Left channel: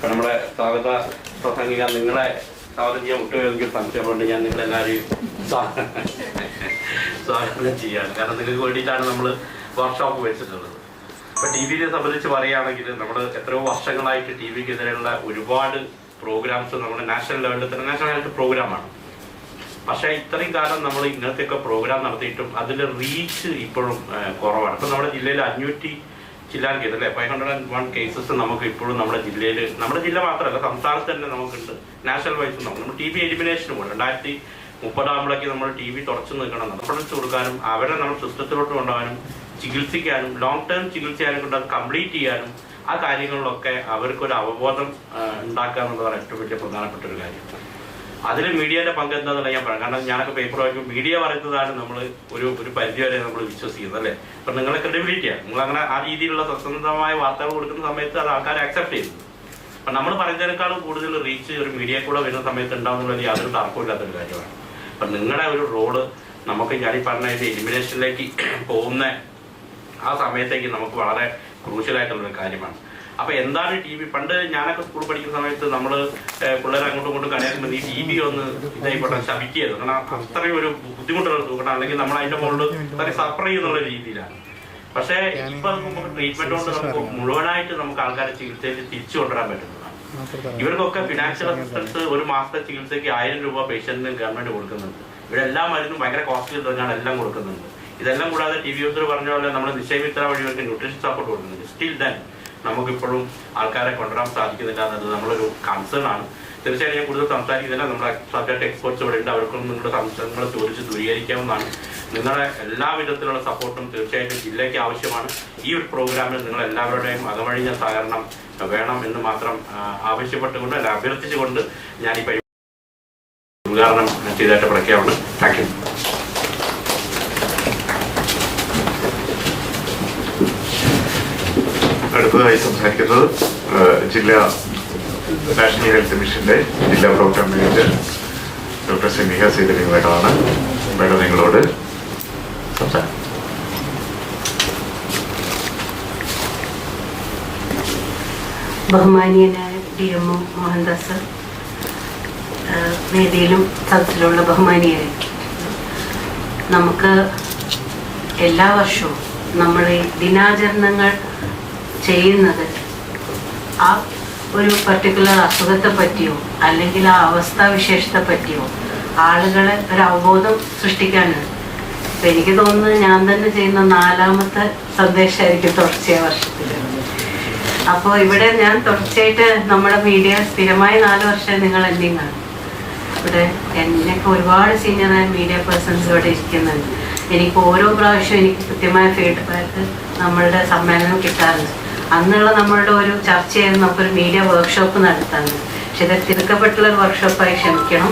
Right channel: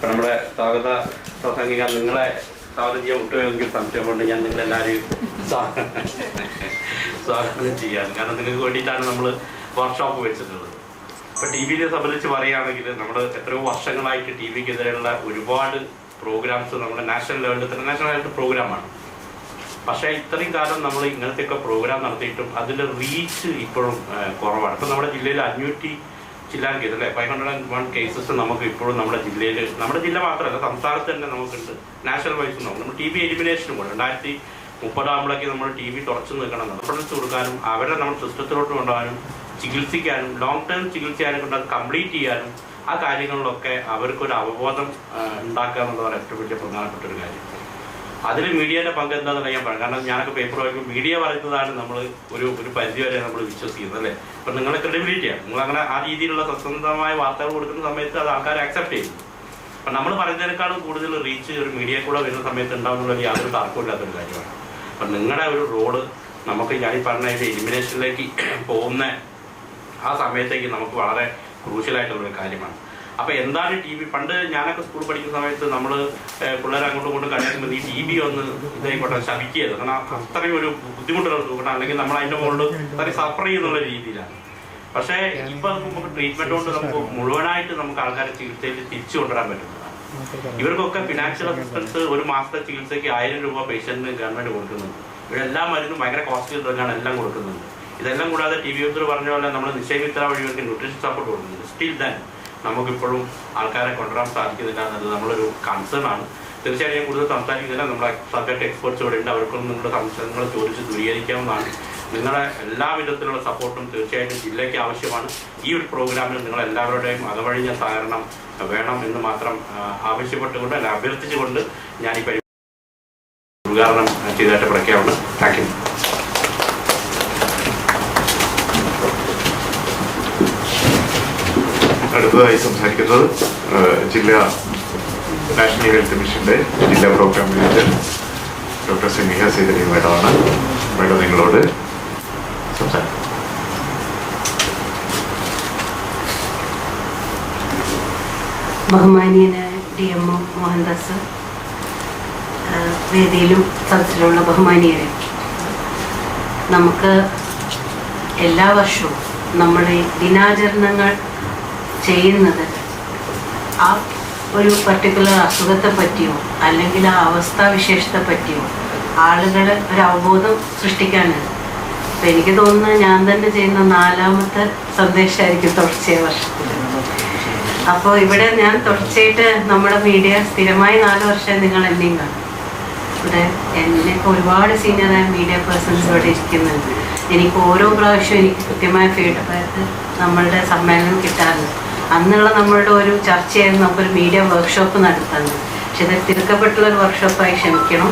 ഇപ്പം നമ്മുടെ സ്വാഗത പ്രസംഗിക്കാൻ നിങ്ങളെ സ്വാഗതം ചെയ്യാൻ ഒട്ടുമെങ്കിൽ സംശയമുണ്ട്. ഞാൻ നിങ്ങളെല്ലാവരെയും സ്വാഗതം ചെയ്യാറ്. കാരണം നിങ്ങൾക്ക് വേണ്ടിയിട്ടാണ് നമ്മൾ വർക്ക്ഷോപ്പ് വെച്ചിട്ടുള്ളത്. ഇപ്പം ടി വിയെ സംബന്ധിച്ച് പറയുകയാണെങ്കിൽ നമ്മൾ എത്രയോ വർഷങ്ങളായിട്ട് ടി വിക്കെതിരെയുള്ള ഒരുപാട് പ്രോഗ്രാംസ് നമ്മുടെ നാഷണൽ ലെവലിൽ ഇന്റർനാഷണൽ ആയിട്ട് പ്രോഗ്രാമാണ്. പക്ഷേ ഇത്രയും കാലം നമ്മൾ ഇങ്ങനത്തെയൊക്കെ പ്രോഗ്രാം നടത്തിയിട്ടും അതിൻ്റെ റീച്ച് ഇപ്പോഴും കുറവാണ്. ഇപ്പം നമ്മുടെ ജില്ലയിൽ 500 ചില്ലാൻ കേസ് അല്ലേ, 501 കേസസ് നമുക്ക് ഇപ്പോഴും നമ്മുടെ ജില്ലയിൽ, നമ്മുടെ ജില്ല മാത്രമല്ല സംസ്ഥാനത്ത് തന്നെ നമുക്കുണ്ട്. നാഷണൽ വൈസ് നമ്മൾ ടി ബി എലിമിനേഷനും കൂടെ 2030 നമ്മൾ ടി ബി തുറച്ചു നിൽക്കണം, റെഫറൻസ് കൊടുക്കാനും അവരെ നമ്മൾ സിസ്റ്റത്തിലോട്ട് കൊണ്ടുപോകാനും ചികിത്സിക്കാനും ലോങ് ടേം ചികിത്സയാനും കൊണ്ട് അത് കംപ്ലീറ്റ് ചെയ്യാനും ആ കാര്യങ്ങളിലൊക്കെ അവർക്കൊരു അവബോധം ഉണ്ടാക്കുക എന്നുള്ളതാണ് ഏറ്റവും വലിയ പ്രധാനപ്പെട്ട ഒരു കാര്യം. അതിൽ മീഡിയയുടെ പങ്ക് എന്താണെന്ന് ഞാൻ പറയാം. കാരണം ഞാനൊക്കെ പേപ്പർ വായിക്കുമ്പോൾ മീഡിയ പറയുന്നതാണ് നമ്മൾ ഒരു പരിധി വരെ നമ്മൾ വിശ്വസിക്കുന്നത് അല്ലേ. അപ്പം നിങ്ങളെ ക്രെഡിബിലിറ്റിയാണ്, നിങ്ങൾ അങ്ങനെ ആ രീതിയിലുള്ള സത്യസന്ധമായ വാർത്തകൾ കൊടുക്കുന്ന സമയത്ത് അത് ആൾക്കാർ അക്സെപ്റ്റ് ചെയ്തു. അപ്പം നമ്മൾ പറയുന്നതിനേക്കാളും കൂടുതൽ റീച്ച് ഒരു മീഡിയ കൂടെ വരുന്ന സമയത്ത് ഉണ്ടാവുന്നുള്ള യാതൊരു തർക്കമില്ലാത്തൊരു കാര്യമാണ്. അപ്പം നിങ്ങളുടെ ഒരു റോള് നമുക്ക് ഞാൻ ഈ പറഞ്ഞ എലിമിനേഷനിലേക്ക് പോകുന്ന ആ സമയത്തേക്ക് നമുക്ക് വളരെ ക്രൂഷ്യലായിട്ടുള്ളൊരു കാര്യമാണ്. അപ്പൊ എന്താണ് ടി വി? പണ്ട് ഞാനൊക്കെ സ്കൂൾ പഠിക്കുന്ന സമയത്ത് നമ്മൾ പിള്ളേർ അങ്ങോട്ടും ഇങ്ങോട്ടും കഴിയുമ്പോൾ ഈ ടി വി ഒന്ന് ഇതായിക്കോട്ടെ ശമിക്കുകയത്. കാരണം അത്രയും ഒരു ബുദ്ധിമുട്ടുള്ള തൂക്കണം, അല്ലെങ്കിൽ നമ്മൾ അതിന്റെ മുകളിൽ അത്രയും സഫർ ചെയ്യുന്നുള്ള രീതിയിലാണ്. പക്ഷേ ഇപ്പൊ നമുക്ക് ട്രീറ്റ്മെന്റ് കൊണ്ട് നമുക്ക് മുഴുവനായിട്ട് നമുക്ക് ആൾക്കാരെ ചികിത്സയിൽ തിരിച്ചു കൊണ്ടുവരാൻ പറ്റുന്നതാണ്. ഇവർക്കൊക്കെ ഫിനാൻഷ്യൽ അസിസ്റ്റൻസ് ഒരു മാസത്തെ ചികിത്സയ്ക്ക് 1000 രൂപ പേഷ്യന്റിന് ഗവൺമെന്റ് കൊടുക്കുന്നുണ്ട്. ഇവരെല്ലാം മരുന്നും ഭയങ്കര കോസ്റ്റ്ലി തന്നെയാണ് എല്ലാം കൊടുക്കുന്നുണ്ട്. ഇതെല്ലാം കൂടാതെ ടി വി യൂസർ പറഞ്ഞ പോലെ നമ്മൾ നിശ്ചയമിത്ര വഴിയൊക്കെ ന്യൂട്രീഷൻ സപ്പോർട്ട് കൊടുക്കുന്നുണ്ട്. സ്റ്റിൽ ദെൻ നമുക്കിപ്പോഴും ആൾക്കാരെ കൊണ്ടുവരാൻ സാധിക്കുന്നില്ല എന്നത് നമ്മളൊരു കൺസേൺ ആണ്. തീർച്ചയായും ഞാൻ കൂടുതൽ സംസാരിക്കുന്നില്ല. നമ്മുടെ സബ്ജക്ട് എക്സ്പേർട്സ് ഇവിടെ ഉണ്ട്, അവർക്കൊന്നും നിങ്ങളുടെ സംശയങ്ങൾ ചോദിച്ച് ദൂരീകരിക്കാവുന്നതാണ്. നിങ്ങളുടെ എല്ലാവിധത്തിലുള്ള സപ്പോർട്ടും തീർച്ചയായിട്ടും ജില്ലയ്ക്ക് ആവശ്യമാണ്. ഈ ഒരു പ്രോഗ്രാമിൽ നിങ്ങൾ എല്ലാവരുടെയും അകവഴിഞ്ഞ സഹകരണം വേണം എന്ന് മാത്രം ആവശ്യപ്പെട്ടുകൊണ്ട് അല്ല അഭ്യർത്ഥിച്ചുകൊണ്ട് ഞാൻ ഈ പരിപാടി ഉദ്ഘാടനം ചെയ്തതായിട്ട് പ്രഖ്യാപനം. Thank you. അടുത്തതായി സംസാരിക്കുന്നത് ജില്ലാ നാഷണൽ ഹെൽത്ത് മിഷന്റെ ജില്ലാ പ്രോഗ്രാം മാനേജർ ഡോക്ടർ സെമിഹ സീതലി മേഡമാണ്. മേഡം നിങ്ങളോട് സംസാരിക്കും. ബഹുമാനീയനായ DMO മോഹൻദാസ്, വേദിയിലും സദസ്സിലുള്ള ബഹുമാനീയരെ, നമുക്ക് എല്ലാ വർഷവും നമ്മൾ ഈ ദിനാചരണങ്ങൾ ചെയ്യുന്നത് ആ ഒരു പർട്ടിക്കുലർ അസുഖത്തെ പറ്റിയോ അല്ലെങ്കിൽ ആ അവസ്ഥാവിശേഷത്തെ പറ്റിയോ ആളുകൾ ഒരു അവബോധം സൃഷ്ടിക്കാനാണ്. അപ്പം എനിക്ക് തോന്നുന്നത് ഞാൻ തന്നെ ചെയ്യുന്ന 4ാമത്തെ സന്ദേശമായിരിക്കും തുടർച്ചയായ വർഷത്തിൽ. അപ്പോൾ ഇവിടെ ഞാൻ തുടർച്ചയായിട്ട് നമ്മുടെ മീഡിയ സ്ഥിരമായി 4 വർഷമായി നിങ്ങൾ എന്നെയും കാണും. ഇവിടെ എന്നിപ്പോൾ ഒരുപാട് സീനിയറായ മീഡിയ പേഴ്സൺസ് ഇവിടെ ഇരിക്കുന്നുണ്ട്. എനിക്ക് ഓരോ പ്രാവശ്യവും എനിക്ക് കൃത്യമായ ഫീഡ്ബാക്ക് നമ്മളുടെ സമ്മേളനം കിട്ടാറുണ്ട്. അന്നുള്ള നമ്മളുടെ ഒരു ചർച്ചയായിരുന്നു നമുക്കൊരു മീഡിയ വർക്ക്ഷോപ്പ് നടത്താറുണ്ട്. പക്ഷെ ഇത് തിരുക്കപ്പെട്ടുള്ളൊരു വർക്ക്ഷോപ്പായി ക്ഷമിക്കണം.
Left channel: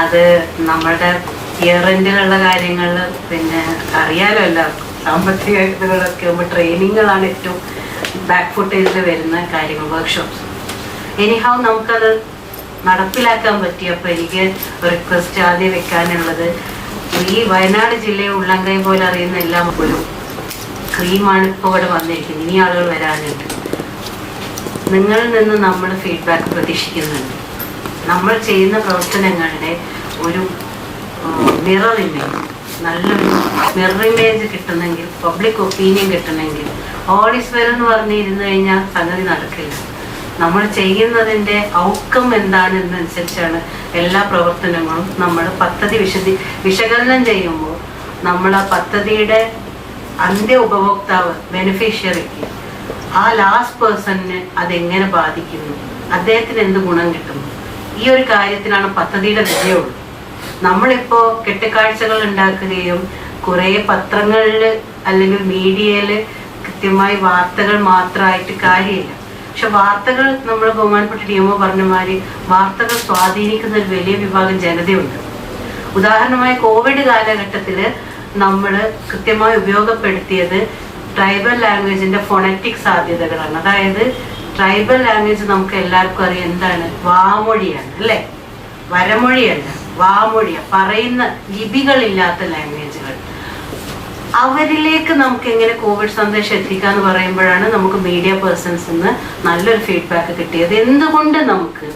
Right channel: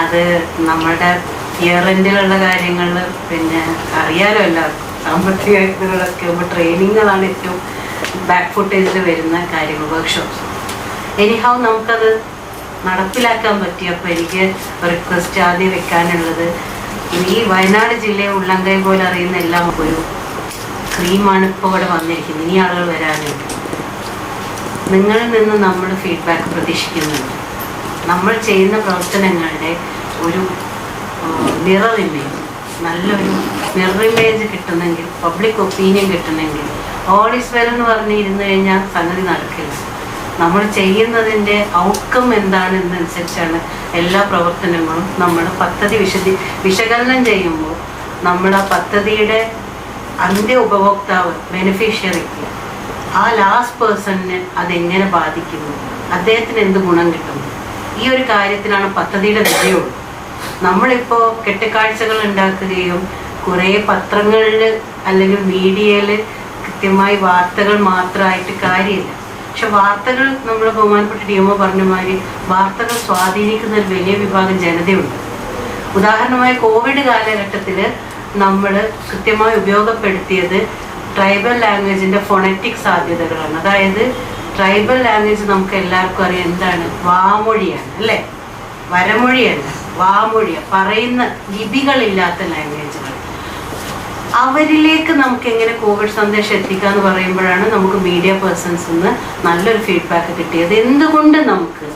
അത് നമ്മളുടെ ഇയർ എൻഡിലുള്ള കാര്യങ്ങൾ പിന്നെ അറിയാലോ എല്ലാവർക്കും. സാമ്പത്തികങ്ങളൊക്കെ ആകുമ്പോൾ ട്രെയിനിങ്ങുകളാണ് ഏറ്റവും ബാക്ക് ഫുട്ടേജിൽ വരുന്ന കാര്യങ്ങൾ, വർക്ക്ഷോപ്സ്. എനിഹാവ് നമുക്കത് നടപ്പിലാക്കാൻ പറ്റിയപ്പോൾ എനിക്ക് ഒരു റിക്വസ്റ്റ് ആദ്യം വെക്കാനുള്ളത്, ഈ വയനാട് ജില്ലയെ ഉള്ളംകൈ പോലെ അറിയുന്ന എല്ലാം ഒരു ക്രീമാണ് ഇപ്പോൾ ഇവിടെ വന്നിരിക്കുന്നത്. ഇനി ആളുകൾ വരാനുണ്ട്. നിങ്ങളിൽ നിന്ന് നമ്മൾ ഫീഡ്ബാക്ക് പ്രതീക്ഷിക്കുന്നുണ്ട്. നമ്മൾ ചെയ്യുന്ന പ്രവർത്തനങ്ങളുടെ ഒരു മിറർ ഇമേജ്, നല്ലൊരു മിറർ ഇമേജ് കിട്ടണമെങ്കിൽ, പബ്ലിക് ഒപ്പീനിയൻ കിട്ടണമെങ്കിൽ ഓൾ ഈസ് വെൽ എന്ന് പറഞ്ഞിരുന്നു കഴിഞ്ഞാൽ സംഗതി നടക്കില്ല. നമ്മൾ ചെയ്യുന്നതിൻ്റെ ഔട്ട്കം എന്താണെന്നനുസരിച്ചാണ് എല്ലാ പ്രവർത്തനങ്ങളും. നമ്മൾ പദ്ധതി വിശകലനം ചെയ്യുമ്പോൾ നമ്മൾ ആ പദ്ധതിയുടെ അന്ത്യ ഉപഭോക്താവ് ബെനിഫിഷ്യറിക്ക്, ആ ലാസ്റ്റ് പേഴ്സണിന് അതെങ്ങനെ ബാധിക്കുന്നു, അദ്ദേഹത്തിന് എന്ത് ഗുണം കിട്ടുന്നു, ഈ ഒരു കാര്യത്തിലാണ് പദ്ധതിയുടെ വിജയവും. നമ്മളിപ്പോൾ കെട്ടുകാഴ്ചകൾ ഉണ്ടാക്കുകയും കുറേ പത്രങ്ങളിൽ അല്ലെങ്കിൽ മീഡിയയിൽ കൃത്യമായി വാർത്തകൾ മാത്രമായിട്ട് കാര്യമില്ല. പക്ഷെ വാർത്തകൾ, നമ്മൾ ബഹുമാനപ്പെട്ട DMO പറഞ്ഞ മാതിരി വാർത്തകൾ സ്വാധീനിക്കുന്ന ഒരു വലിയ വിഭാഗം ജനതയുണ്ട്. ഉദാഹരണമായി കോവിഡ് കാലഘട്ടത്തിൽ നമ്മൾ കൃത്യമായി ഉപയോഗപ്പെടുത്തിയത് ട്രൈബൽ ലാംഗ്വേജിന്റെ ഫോണറ്റിക് സാധ്യതകളാണ്. അതായത് ട്രൈബൽ ലാംഗ്വേജ് നമുക്ക് എല്ലാവർക്കും അറിയാം എന്താണ്, വാമൊഴിയാണ് അല്ലേ, വരമൊഴിയല്ല, വാമൊഴിയാണ്, പറയുന്ന ലിപികളില്ലാത്ത ലാംഗ്വേജുകൾ. അവരിലേക്ക് നമുക്ക് എങ്ങനെ കോവിഡ് സന്ദേശം എത്തിക്കാന്ന് പറയുമ്പോഴാണ് നമുക്ക് മീഡിയ പേഴ്സൺസിൽ നിന്ന് നല്ലൊരു ഫീഡ്ബാക്ക് കിട്ടിയത്. എന്തുകൊണ്ട് നമുക്ക്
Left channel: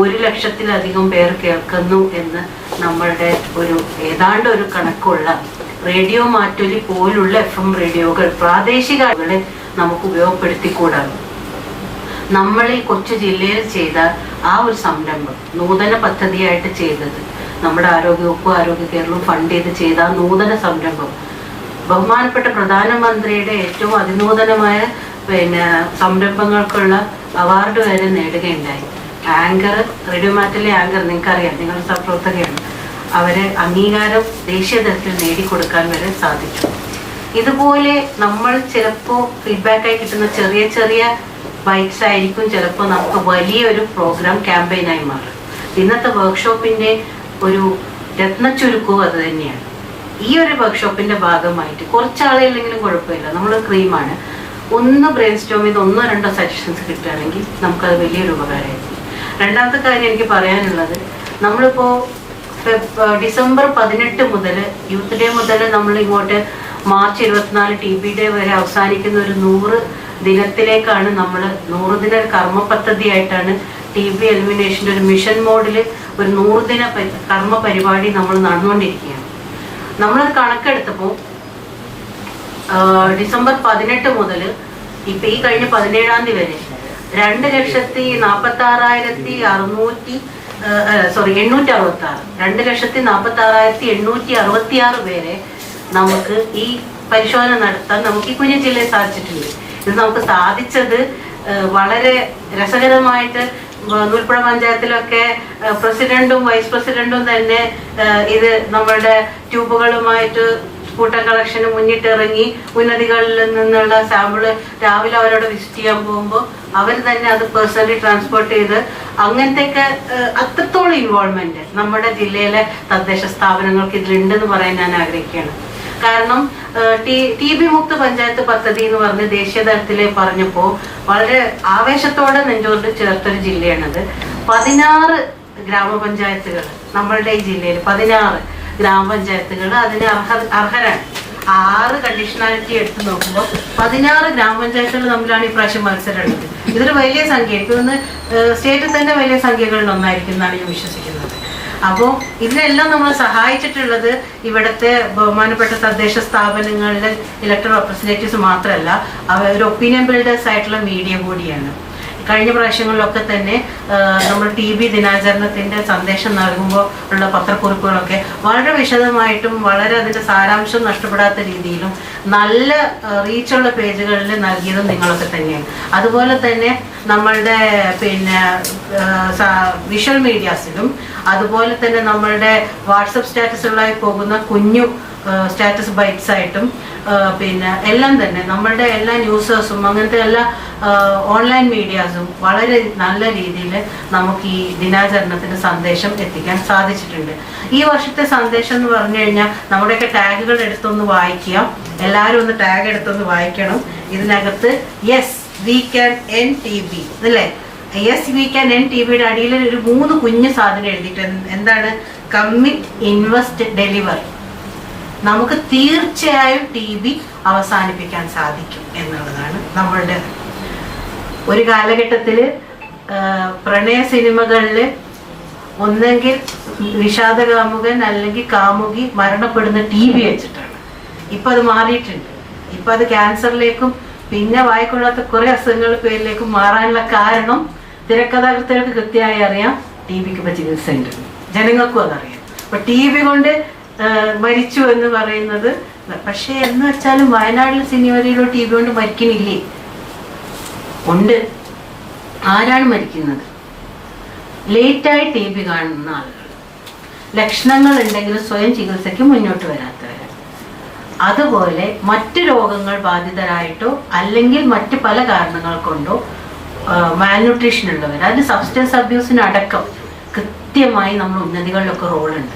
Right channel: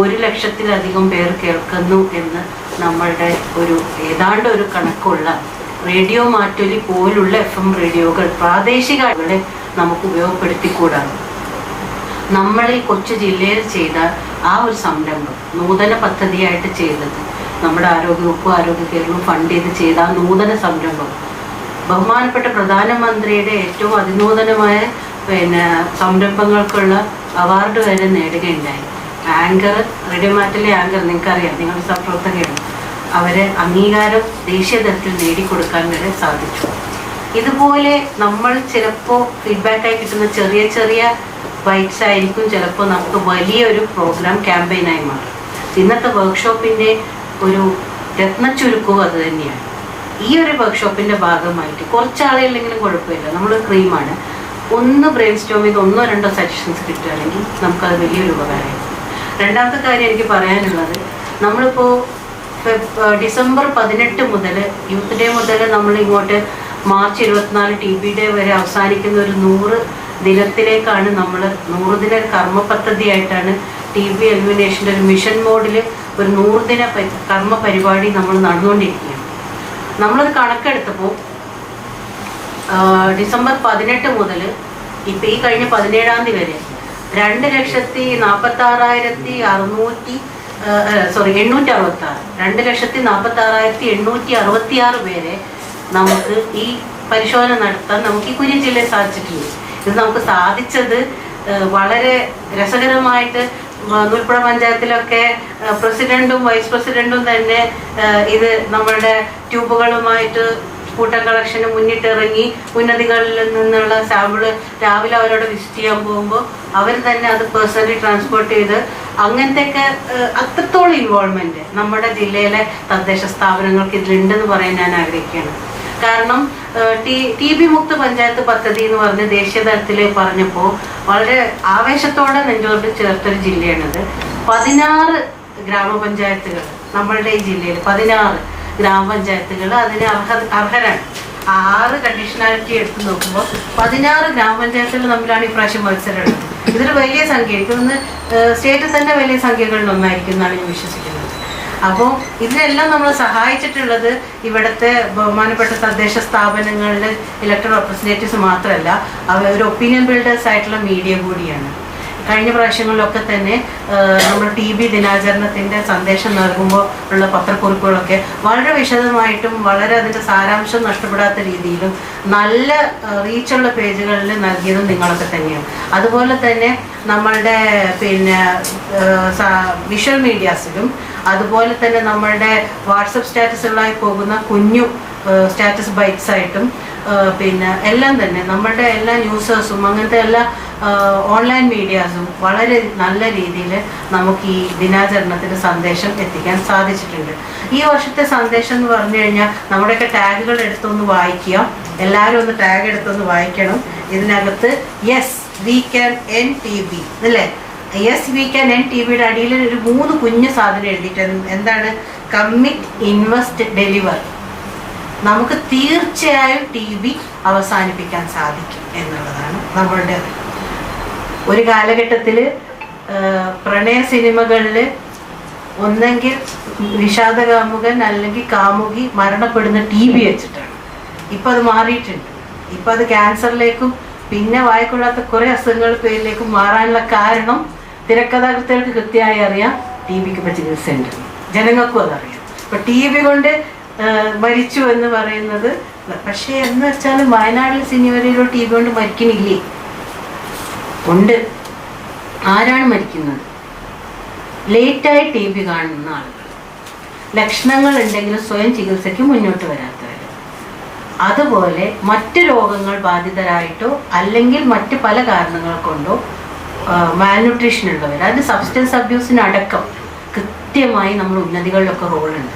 1,00,000-ലധികം പേർ കേൾക്കുന്നു എന്ന് നമ്മളുടെ ഏതാണ്ട് ഒരു കണക്കുള്ള റേഡിയോ മാറ്റൊലി പോലുള്ള FM റേഡിയോകൾ പ്രാദേശികങ്ങളെ നമുക്ക് ഉപയോഗപ്പെടുത്തിക്കൂടാണ്. നമ്മൾ ഈ കൊച്ചു ജില്ലയിൽ ചെയ്ത ആ ഒരു സംരംഭം നൂതന പദ്ധതിയായിട്ട് ചെയ്തത്, നമ്മുടെ ആരോഗ്യവകുപ്പ് ആരോഗ്യ കേരളം ഫണ്ട് ചെയ്ത ആ നൂതന സംരംഭം ബഹുമാനപ്പെട്ട പ്രധാനമന്ത്രിയുടെ ഏറ്റവും അതിനൂതനമായ സംരംഭങ്ങൾക്കുള്ള അവാർഡ് വരെ നേടുകയുണ്ടായി. ആങ്കർ, റേഡിയോ മാറ്റിലെ ആങ്കർ, നിങ്ങൾക്കറിയാം, നിങ്ങൾ സഹപ്രവർത്തകയാണ്, അവരെ അംഗീകാരം ദേശീയ തലത്തിൽ നേടിക്കൊടുക്കാൻ വരെ സാധിച്ചു. ഇതുപോലെ നമ്മൾ ചിലപ്പോൾ ഫീഡ്ബാക്കായി കിട്ടുന്ന ചെറിയ ചെറിയ ബൈറ്റ്സ് ആയിരിക്കും ചിലപ്പോൾ നമുക്ക് വലിയൊരു പ്രോഗ്രാം ക്യാമ്പയിനായി മാറും. ഇന്നത്തെ വർക്ക്ഷോപ്പിൻ്റെ ഒരു രത്നച്ചുരുക്കവും അത് തന്നെയാണ്. ഈ ഒരു വർക്ക്ഷോപ്പിൻ്റെ ഭാഗമായിട്ട് കുറച്ചാളുകളിലെങ്കിലും കുഴപ്പമില്ല, നമ്മൾ ക്രീമാണ്, ഒന്ന് ബ്രെയിൻ സ്റ്റോം ചെയ്ത് 1-2 സജഷൻസ് കിട്ടുകയാണെങ്കിൽ നമുക്കത് വലിയൊരു ഉപകാരമായിരിക്കും. രണ്ടാമത്തെ കാര്യം എനിക്ക് പറയാനുള്ളത്, നമ്മളിപ്പോൾ ഡിസംബർ 18 മുതൽ യൂത്ത് ഡേ മുതൽ നമ്മൾ ഇങ്ങോട്ട് മാർച്ച് 24 TB ഡേ വരെ അവസാനിക്കുന്ന ഒരു 100 ദിനത്തിലേക്കാണ് നമ്മൾ 100 ദിന കർമ്മ പദ്ധതിയായിട്ടാണ് TB എലിമിനേഷൻ്റെ ഒരു മിഷൻ മോഡിൽ ഒരു 100 ദിന കർമ്മ പരിപാടി നമ്മൾ നടന്നുകൊണ്ടിരിക്കുകയാണ്. നമ്മൾ കണക്കെടുത്തപ്പോൾ ഡിസംബർ 18 മുതൽ ഇപ്പം ഈ കഴിഞ്ഞ 17-ാം തീയതി വരെ 2,46,866 പേരെ നമുക്ക് ഈ പരിശോധന നടത്താൻ നമുക്ക് ഈ കുഞ്ഞു ജില്ലയിൽ സാധിച്ചിട്ടുണ്ട്. ഇത് നമുക്ക് സാധിച്ചത് വളരെ രസകരമായിട്ട് നൂൽപ്പുഴ പഞ്ചായത്തിലൊക്കെ പ്രസിഡന്റും വൈസ് പ്രസിഡന്റും തന്നെ ഇത് നമ്മളുടെ ട്യൂബുകളുമായിട്ട് കൂട്ടം കളക്ഷന് മുന്നിട്ടിറങ്ങി ഉന്നതികളിൽ നിന്നുള്ള സാമ്പിള് രാവിലെ അവരോട് വിസിറ്റ് ചെയ്യാൻ പോകുമ്പോൾ അവർ തന്നെ അത് പേഴ്സണലി ട്രാൻസ്പോർട്ട് ചെയ്ത് അങ്ങനത്തെയൊക്കെ അത്രത്തോളം ഇൻവോൾവ്മെന്റ് നമ്മുടെ ജില്ലയിലെ തദ്ദേശ സ്ഥാപനങ്ങൾക്ക് ഇതിലുണ്ടെന്ന് പറയാൻ ഞാൻ ആഗ്രഹിക്കുകയാണ്. കാരണം TB മുക്ത പഞ്ചായത്ത് പദ്ധതി എന്ന് പറഞ്ഞ് ദേശീയ തലത്തിൽ പറഞ്ഞപ്പോൾ വളരെ ആവേശത്തോടെ നെഞ്ചോട് ചേർത്തൊരു ജില്ലയാണത്. 16 ഗ്രാമപഞ്ചായത്തുകൾ നമ്മളുടെ ഈ ജില്ലയിൽ 16 ഗ്രാമപഞ്ചായത്തുകൾ അതിന് അർഹരാണ്. 6 കണ്ടീഷണാലിറ്റി എടുത്ത് നോക്കുമ്പോൾ 16 ഗ്രാമപഞ്ചായത്തുകൾ തമ്മിലാണ് ഈ പ്രാവശ്യം മത്സരം ഉള്ളത്. ഇതൊരു വലിയ സംഖ്യ, എനിക്കൊന്ന് സ്റ്റേറ്റിൽ തന്നെ വലിയ സംഖ്യകളിൽ ഒന്നായിരിക്കും എന്നാണ് ഞാൻ വിശ്വസിക്കുന്നത്. അപ്പോൾ ഇതിനെല്ലാം നമ്മൾ സഹായിച്ചിട്ടുള്ളത് ഇവിടുത്തെ ബഹുമാനപ്പെട്ട തദ്ദേശ സ്ഥാപനങ്ങളിലെ ഇലക്ടഡ് റെപ്രസെന്റേറ്റീവ്സ് മാത്രമല്ല, അവർ ഒപ്പീനിയൻ ബിൽഡേഴ്സ് ആയിട്ടുള്ള മീഡിയ കൂടിയാണ്. കഴിഞ്ഞ പ്രാവശ്യങ്ങളിലൊക്കെ തന്നെ നമ്മൾ TB ദിനാചരണത്തിൻ്റെ സന്ദേശം നൽകുമ്പോൾ ഉള്ള പത്രക്കുറിപ്പുകളൊക്കെ വളരെ വിശദമായിട്ടും വളരെ അതിൻ്റെ സാരാംശം നഷ്ടപ്പെടാത്ത രീതിയിലും നല്ല റീച്ചുള്ള പേജുകളിൽ നൽകിയതും നിങ്ങളൊക്കെ തന്നെയാണ്. അതുപോലെ തന്നെ നമ്മളുടെ വിഷ്വൽ മീഡിയാസിലും അതുപോലെ തന്നെ നമ്മളുടെ വാട്സപ്പ് സ്റ്റാറ്റസുകളായി പോകുന്ന കുഞ്ഞു സ്റ്റാറ്റസ് ബൈറ്റ്സ് ആയിട്ടും എല്ലാം തന്നെ നമ്മളുടെ എല്ലാ ന്യൂസേഴ്സും അങ്ങനത്തെ എല്ലാ ഓൺലൈൻ മീഡിയാസും വളരെ നല്ല രീതിയിൽ നമുക്ക് ഈ ദിനാചരണത്തിന് സന്ദേശം എത്തിക്കാൻ സാധിച്ചിട്ടുണ്ട്. ഈ വർഷത്തെ സന്ദേശം എന്ന് പറഞ്ഞു കഴിഞ്ഞാൽ നമ്മുടെയൊക്കെ ടാഗുകൾ എടുത്തൊന്ന് വായിക്കുക, എല്ലാവരും ഒന്ന് ടാഗ് എടുത്തൊന്ന് വായിക്കണം. ഇതിനകത്ത് yes we can N TB അല്ലേ, യെസ് വി ക്യാൻ എൻ TBയുടെ അടിയിൽ ഒരു 3 കുഞ്ഞു സാധനം എഴുതിയിട്ട് എന്താണ്, കമ്മിറ്റ്, ഇൻവെസ്റ്റ്, ഡെലിവർ. നമുക്ക് തീർച്ചയായും TB അവസാനിപ്പിക്കാൻ സാധിക്കും എന്നുള്ളതാണ് നമ്മളുടെ. ഒരു കാലഘട്ടത്തിൽ പ്രണയ സിനിമകളിൽ ഒന്നെങ്കിൽ വിഷാദകാമുകൻ അല്ലെങ്കിൽ കാമുകി മരണപ്പെടുന്ന TB വെച്ചിട്ടാണ്. ഇപ്പം അത് മാറിയിട്ടുണ്ട്. ഇപ്പം അത് ക്യാൻസറിലേക്കും പിന്നെ വായിക്കൊള്ളാത്ത കുറേ അസുഖങ്ങൾ പേരിലേക്കും മാറാനുള്ള കാരണം തിരക്കഥാകൃത്തുകൾക്ക് കൃത്യമായി അറിയാം TBക്ക് ഇപ്പം ചികിത്സയുണ്ട്, ജനങ്ങൾക്കും അതറിയാം. ഇപ്പം TB കൊണ്ട് മരിച്ചു എന്ന് പറയുന്നത്, പക്ഷേ എന്ന് വെച്ചാലും വയനാട്ടിലെ സിനിമയിലോ TB കൊണ്ട് മരിക്കണില്ലേ? ഉണ്ട്. ആരാണ് മരിക്കുന്നത്? ലേറ്റായി TB കാണുന്ന ആളുകൾ, ലക്ഷണങ്ങൾ ഉണ്ടെങ്കിലും സ്വയം ചികിത്സയ്ക്ക് മുന്നോട്ട് വരാത്തവർ, അതുപോലെ മറ്റ് രോഗങ്ങൾ ബാധിതരായിട്ടോ അല്ലെങ്കിൽ മറ്റ് പല കാരണങ്ങൾ കൊണ്ടോ മാൽന്യൂട്രീഷൻ ഉള്ളവർ, അത് സബ്സ്റ്റൻസ് അബ്യൂസിനടക്കം കൃത്യമായി നമ്മൾ ഉന്നതികളിലൊക്കെ റോളുണ്ട്.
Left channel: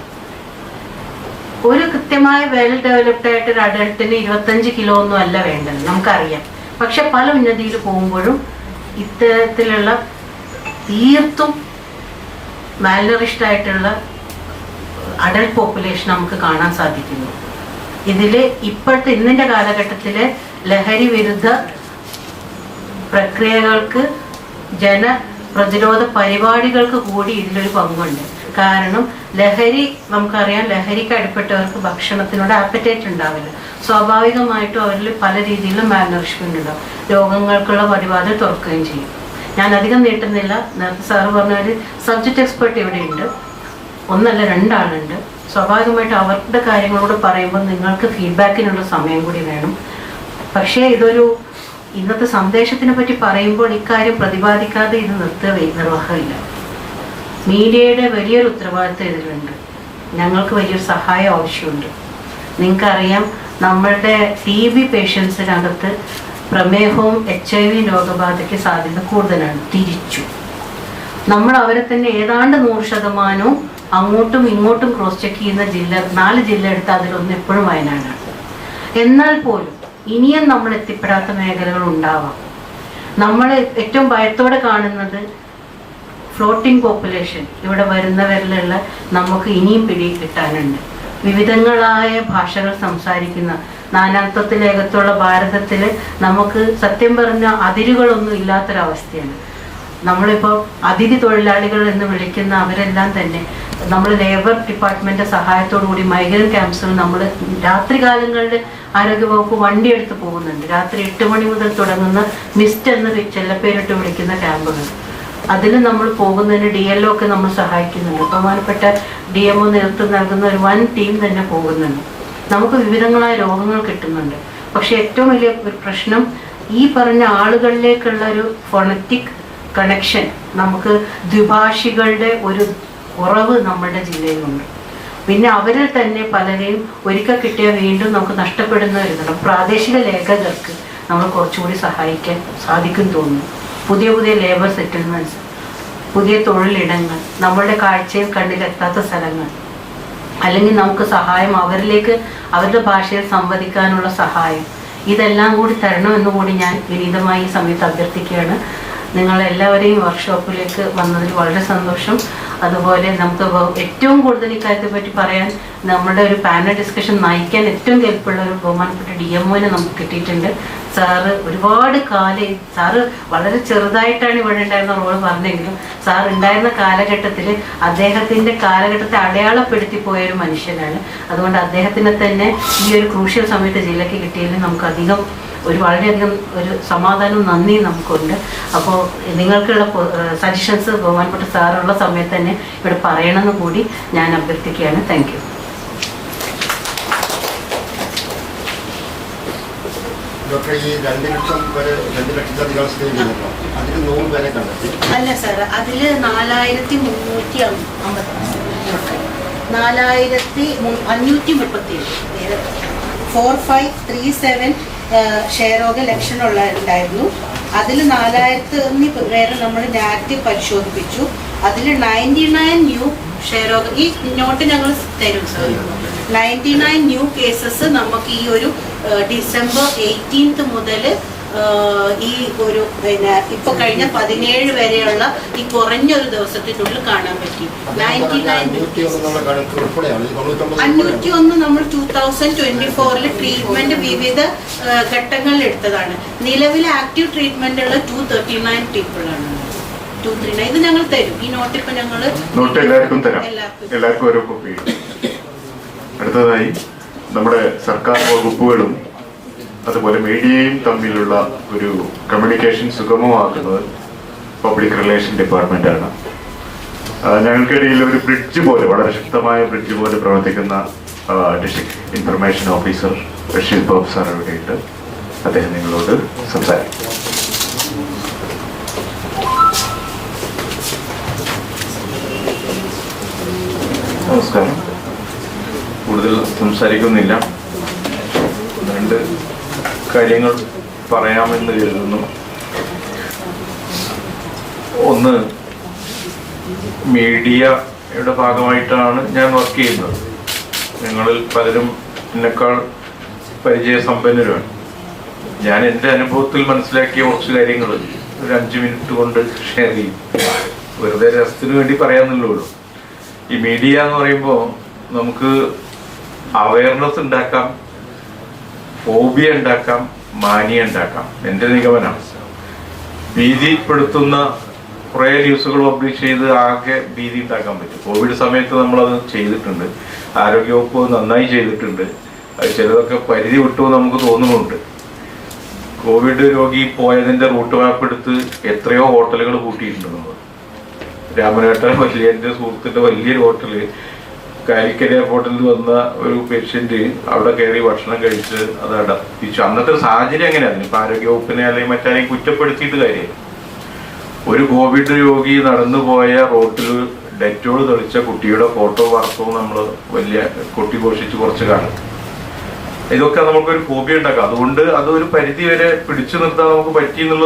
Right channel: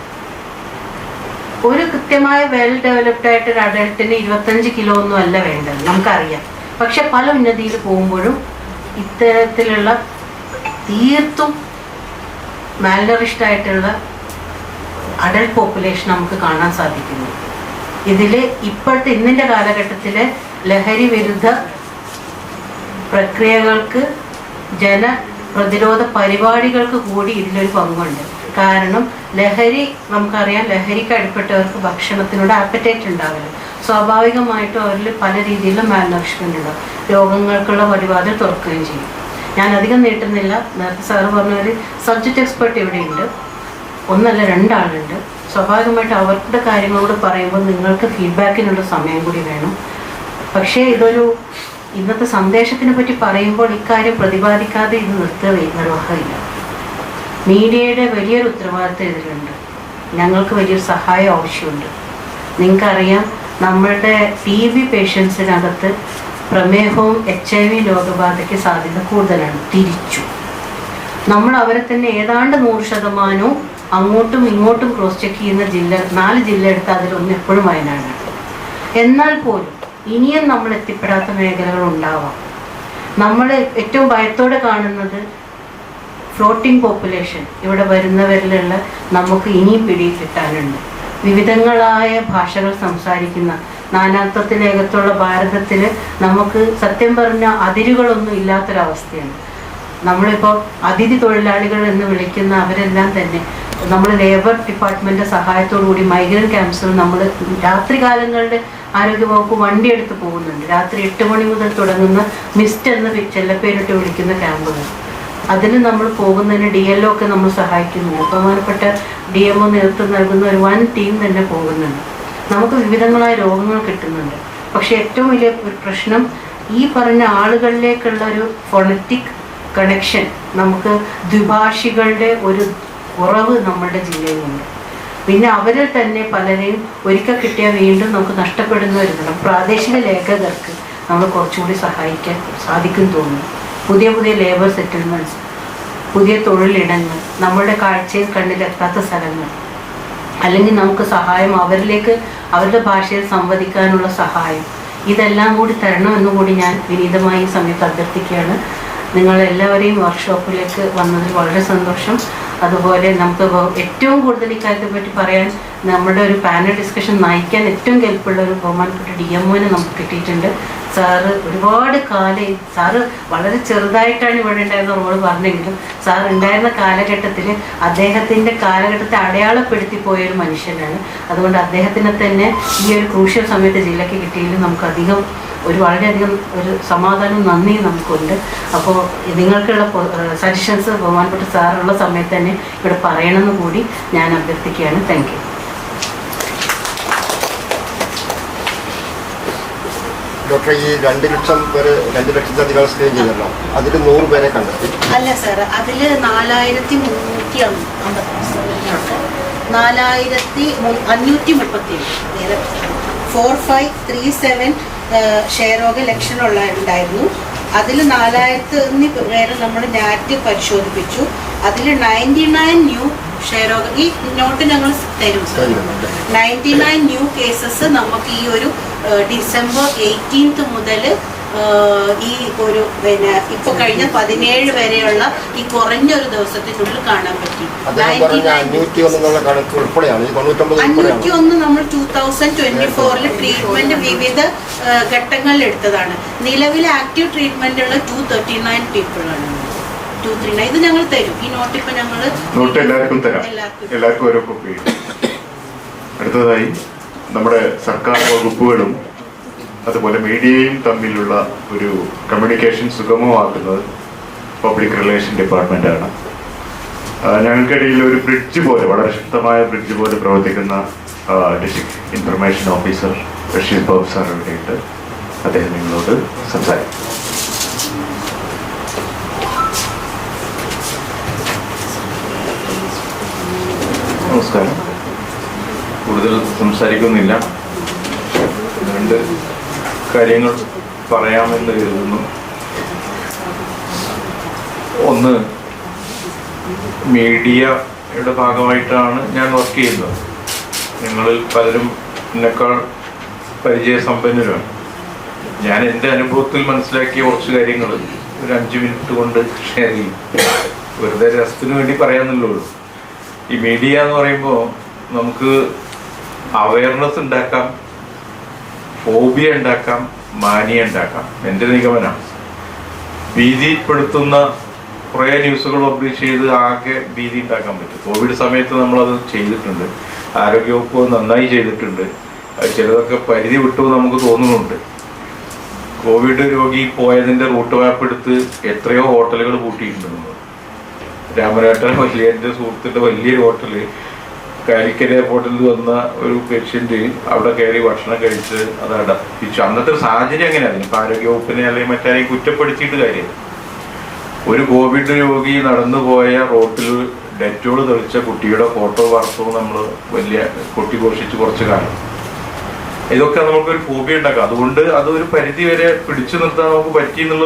ഒരു കൃത്യമായ വെൽ ഡെവലപ്ഡ് ആയിട്ട് ഒരു അഡൾട്ടിന് 25 കിലോ ഒന്നും അല്ല വേണ്ടത്, നമുക്കറിയാം. പക്ഷെ പല ഉന്നതിയിൽ പോകുമ്പോഴും ഇത്തരത്തിലുള്ള തീർത്തും മാൽനറിഷ്ഡ് ആയിട്ടുള്ള അഡൾട്ട് പോപ്പുലേഷൻ നമുക്ക് കാണാൻ സാധിക്കുന്നു. ഇതിൽ ഇപ്പോഴത്തെ ഇന്നിൻ്റെ കാലഘട്ടത്തിലെ ലഹരി വിരുദ്ധ പ്രക്രിയകൾക്ക് ജനപ്രതിരോധ പരിപാടികൾക്ക് കൂടി ഇതിലൊരു പങ്കുണ്ട്. കാരണം ലഹരി നമുക്കറിയാം, ലഹരിക്ക് അടിപ്പെട്ടവർക്ക് ഭക്ഷണത്തിനോട് ആപ്പറ്റൈറ്റ് ഉണ്ടാവില്ല. സ്വാഭാവികമായിട്ടും അവരിൽ പല രീതിയിലും മാൽനറിഷ്മെന്റ് ഉണ്ടാവും. രോഗങ്ങൾക്കുള്ള പടിവാതിൽ തുറക്കുകയും ചെയ്യും. ഞാൻ അധികം നീട്ടുന്നില്ല. നേരത്തെ സാറ് പറഞ്ഞ ഒരു സബ്ജക്റ്റ് എക്സ്പെർട്ട് ഇവിടെയുണ്ട്, ഒന്നല്ല രണ്ടാളുണ്ട്. സ്വാഭാവികമായിട്ട് അവരുടെ കാര്യങ്ങളോട് പറയുമ്പോൾ നിങ്ങൾക്ക് ഫീഡ്ബാക്കിനുള്ള സമയം കൂടി വേണം. പക്ഷേ ഇതൊരു ഇന്നത്തെ സന്ദേശത്തിനെ പറ്റി പറയുമ്പോൾ ഇക്കാര്യം പ്രതിപാദിക്കാതെ ഇത് നിർവഹമില്ല. മീഡിയയുടെ വലിയൊരു ഉത്തരവാദിത്വം ഇതിലുണ്ട്. ഞങ്ങൾക്ക് വലിയൊരു സഹായം ആവശ്യമുണ്ട്. നിങ്ങൾക്കറിയാം, നമ്മളുടെ TB പേഷ്യൻസിനകത്ത് പ്രമേഹവും HIV രോഗബാധയ്ക്ക് സാധ്യത കൂടുതലാണ്. തിരിച്ചു നമ്മൾ അവരെ തന്നെ ഏതാണ്ട് 100% അങ്ങോട്ടും ഇങ്ങോട്ടും ക്രോസ് ചെക്ക് ചെയ്യുന്ന 4 ജില്ല എടുത്ത് അതിലൊന്ന് എപ്പോഴും വയനാടാണ്. എന്നാൽ പോലും ഇനിയും നമ്മൾ എത്തിപ്പെടാത്ത മേഖലകൾ ഉണ്ടാവാം. നമ്മൾ ഏറ്റവും ഭയത്തോടെ കാണുന്നത് ഫ്ലോട്ടിംഗ് പോപ്പുലേഷൻ. ഇവിടെ വരുന്നവരിലുള്ള നമുക്ക് ഇനിയും പിടി കിട്ടാനുണ്ട്. വിവിധങ്ങളായ ഭാഷകൾ സംസാരിക്കുന്ന നാനാത്വത്തിലേകത്തുള്ള ഭാരതത്തിൽ നമുക്ക് സത്യം പറഞ്ഞ അതിരുകളൊന്നും ഇല്ലാത്തൊരവസ്ഥയാണ്. നമ്മളിപ്പോൾ അതിഥി തൊഴിലാളികൾ എന്ന് വിളിക്കുന്ന അവരെല്ലാം തന്നെ നമ്മൾ ലേബർ ഡിപ്പാർട്ട്മെൻറ്റ് സഹായത്തോടു കൂടി മൈഗ്രൻ്റ് ക്യാമ്പ്സിൽ നമ്മൾ രാത്രി കാലങ്ങളിൽ ആരോഗ്യവകുപ്പ് വണ്ടി എടുത്ത് പോകുന്നുണ്ട്. രാത്രി 8 മണി മുതൽ തുടങ്ങുന്ന മിസ്റ്റ് എന്ന് ചെല്ലപ്പേരിട്ട് വിളിക്കുന്ന ക്യാമ്പുകൾ. അതിൽ നമ്മൾ പോകുന്നതിന് DLO ഒക്കെ നമ്മൾ സഹായിക്കുന്നുണ്ട്. ബഹുമാനപ്പെട്ട DMO നേതൃത്വം നൽകുന്ന ഒരു വൻ ടീം തന്നെ പോകുന്നുണ്ട്. നമുക്ക് വിവിധങ്ങളായ രോഗങ്ങൾ കിട്ടുന്നുണ്ട്. പക്ഷെ ഏറ്റവും വലിയ ഒരു പ്രശ്നം ഈ പറഞ്ഞ ആളുകളിലേക്കുള്ള ഒരു ഫോണറ്റിക് കണക്ഷൻ, നമുക്ക് ദ്വിഭാഷികളുടെ ഒരു കുറവ് നമ്മുടെ ജില്ലയിലുണ്ട്. പിന്നെ അവരിൽ തന്നെ പലരെയും ഒരിക്കൽ കിട്ടിയാൽ വീണ്ടും നമുക്ക് നഷ്ടപ്പെടുന്ന ഒരു ഇതാണ്. പ്രാദേശിക ലേഖകർക്ക് നമ്മൾ കുറച്ചുകൂടി സഹായിക്കാൻ സാധിക്കും തോന്നുന്നു. പുതിയ പുതിയ ലേബർ സെറ്റിൽമെൻറ്റ്സ്, പുതിയ തൊഴിലിടങ്ങൾ, നമ്മളുടെ കാഴ്ചയിൽ കണ്ണിലെത്താത്ത സ്ഥലങ്ങൾ, അല്ലെങ്കിൽ നമുക്ക് സഹായം അവരിലേക്ക് അവരുടെ ഭാഷയിൽ സംവദിക്കാനുള്ള സഹായം, ഇതെല്ലാം കൂടി തരണമെന്ന് കൂടി ഞാൻ വിനീതമായി ഈ സമയത്ത് അഭ്യർത്ഥിക്കുകയാണ്. നിങ്ങളെല്ലാവരെയും വർക്ക്ഷോപ്പിലേക്ക് വന്നതിൽ വളരെ സന്തോഷം. അതുപോലെ നമുക്ക് ഏറ്റവും കൂടുതൽ ഇക്കാര്യത്തെ പറ്റി പറയാൻ നമ്മുടെ ഒരു പാനൽ ഡിസ്കഷൻ നയിക്കാൻ ഏറ്റവും കെൽപ്പുള്ള ഒരു ബഹുമാനപ്പെട്ട DMOനെ നമുക്ക് കിട്ടിയിട്ടുണ്ട്. സാറ് ഒരുപാട് കാലം, സാറ് വളരെ ചെറുതായിട്ടാണ് ഇവിടെ ഉണ്ടായിരുന്ന റോള് പറഞ്ഞെങ്കിലും സാർ ഉണ്ടായിരുന്ന കാലഘട്ടത്തിൽ അദ്ദേഹത്തിൻ്റെ കാലഘട്ടത്തെ അടയാളപ്പെടുത്തി പോയൊരു മനുഷ്യനാണ്. അതുകൊണ്ട് അദ്ദേഹത്തിനെ തന്നെ ഈ ഒരു ക്രൂഷ്യൽ സമയത്ത് ജില്ലയ്ക്ക് കിട്ടിയതിൽ നമുക്ക് വളരെയധികം ഒരു സമാധാനം, നന്ദി നമുക്കുണ്ട്. അപ്പോൾ നിങ്ങൾക്കുള്ള സജഷൻസ് ബഹുമാനപ്പെട്ട സാറുള്ള സമയത്ത് തന്നെ ഇവിടെ പറയണമെന്ന് കൂടി ഞാൻ അഭ്യർത്ഥിക്കുകയാണ്. Thank you. ഡോക്ടർ, ഈ 2 ലക്ഷം പേര് 2 ലക്ഷത്തിലധികം സ്ക്രീൻ ചെയ്തല്ലോ, അതിൽ 100 പേരെ കണ്ടെത്തി. അല്ല സാർ, അതിൽ 4537 4537 ക്ഷയരോഗ ലക്ഷണമുള്ള ഉണ്ടായിരുന്നു. അതിൽ 4000 പേര് നമ്മൾ നാറ്റ് പരിശോധിപ്പിച്ചു. അതിൽ 99 ന്യൂ ക്ഷയരോഗ, ഈ നോട്ട് ഞങ്ങൾ തരും സാർ, 99 ന്യൂ കേസസ് നമുക്ക് ഈ ഒരു ഡിസംബർ 18 മുതൽ ഈ ഒരു ഇപ്പൊ കഴിഞ്ഞ 17 വരെയുള്ള ഈ കുറഞ്ഞ ഒരു ദിവസത്തിനുള്ളിൽ കാണാൻ പറ്റി. 501 നമ്മൾ 2024 ട്രീറ്റ്മെന്റ് വിവിധ ഘട്ടങ്ങളിൽ എടുത്തതാണ്. നിലവിൽ ആക്റ്റീവ് ട്രീറ്റ്മെന്റ് ഉള്ള 239 പീപ്പിളാണ്. 239 ഇത് ഞങ്ങൾ തരും. ഈ നോട്ട് ഇപ്പൊ ഞങ്ങൾ എല്ലാവർക്കും ഓരോ കോപ്പി. അടുത്തതായി നമ്മുടെ സർക്കാർ വകുപ്പുകളും അതുപോലെ മീഡിയയും തമ്മിലുള്ള ഒരു കമ്മ്യൂണിക്കേഷൻ സുഗമമാക്കുന്നത് പബ്ലിക് റിലേഷൻ ഡിപ്പാർട്ട്മെന്റാണ്. ഞങ്ങൾക്കിടയിൽ ഒരു ബ്രിഡ്ജ് പോലെ, വളരെ ശക്തമായ ബ്രിഡ്ജ് പോലെ പ്രവർത്തിക്കുന്ന district information officer Rasheed Babu sir ഇവിടെയുണ്ട്. അദ്ദേഹം നിങ്ങളോട് സംസാരിക്കും. നമസ്കാരം. കൂടുതൽ സംസാരിക്കുന്നില്ല, 2 കാര്യങ്ങൾ പറയാമെന്ന് കരുതുന്നു. ഒന്ന്, മീഡിയയുടെ ഭാഗമായിട്ടാണ് ഞാൻ വർക്ക് ചെയ്യുന്നത്. ഞങ്ങളിൽ പലരും എന്നെക്കാൾ പരിചയസമ്പന്നരാണ്. ഞാൻ എൻ്റെ അനുഭവത്തിൽ മനസ്സിലാക്കിയ കുറച്ച് കാര്യങ്ങൾ ഒരു 5 മിനിറ്റ് കൊണ്ട് ഷെയർ ചെയ്യും. വെറുതെ രസത്തിന് വേണ്ടി പറയാമെന്നുള്ളൂ. ഈ മീഡിയ എന്ന് പറയുമ്പോൾ നമുക്ക് അവയർനെസ് ഉണ്ടാക്കാം, ഫോബിയ ഉണ്ടാക്കാം, മാനിയ ഉണ്ടാക്കാം. എൻ്റെ നിഗമനമാണ്. ഭീതിപ്പെടുത്തുന്ന കുറേ ന്യൂസുകൾ പബ്ലിഷ് ചെയ്ത് ആകെ ഭീതി ഉണ്ടാക്കാൻ പറ്റും. കോവിഡ് സമയത്ത് നമ്മളത് ചെയ്തിട്ടുണ്ട്. ആരോഗ്യവകുപ്പ് നന്നായി ചെയ്തിട്ടുണ്ട്. അത് ചിലതൊക്കെ പരിധി വിട്ടു നമുക്ക് തോന്നുന്നുണ്ട്. കോവിഡ് രോഗി പോയതിന്റെ റൂട്ട് മാപ്പ് എടുത്ത് എത്രയോ ഹോട്ടലുകൾ കൂട്ടിയിട്ടുണ്ട് നമ്മൾ. രാമനാട്ടൻ എൻ്റെ സുഹൃത്തിന്റെ വലിയൊരു ഹോട്ടല് കാലിക്കറ്റ് എയർപോർട്ടിൽ വന്ന ഒരു പേഷ്യന്റ് അവിടെ കയറി ഭക്ഷണം കഴിച്ച് അത് അടപ്പിച്ചു. അന്നത്തെ സാഹചര്യം എങ്ങനെയാണ്? ഇപ്പൊ ആരോഗ്യവകുപ്പിനെ അല്ലെങ്കിൽ മറ്റാരെയും കുറ്റപ്പെടുത്തിയിട്ട് കാര്യം. ഒരു കോവിഡ് രോഗി നടന്നുപോയ റോട്ടിൽ ഡെറ്റോൾ തെളിച്ച കുട്ടിയുടെ ഫോട്ടോ വാർത്തവും നമ്മൾ വലിയ കൊട്ടിഘോഷിച്ച് കുറച്ച് കാണും. ഇതൊക്കെ നമുക്കൊരു ഫോബിയ ഉണ്ടാക്കാം. അതുകൊണ്ട് അതൊരു പരിധി വരെ പിടിച്ചു നിർത്താൻ നമുക്ക് പറ്റി എന്നുള്ളത്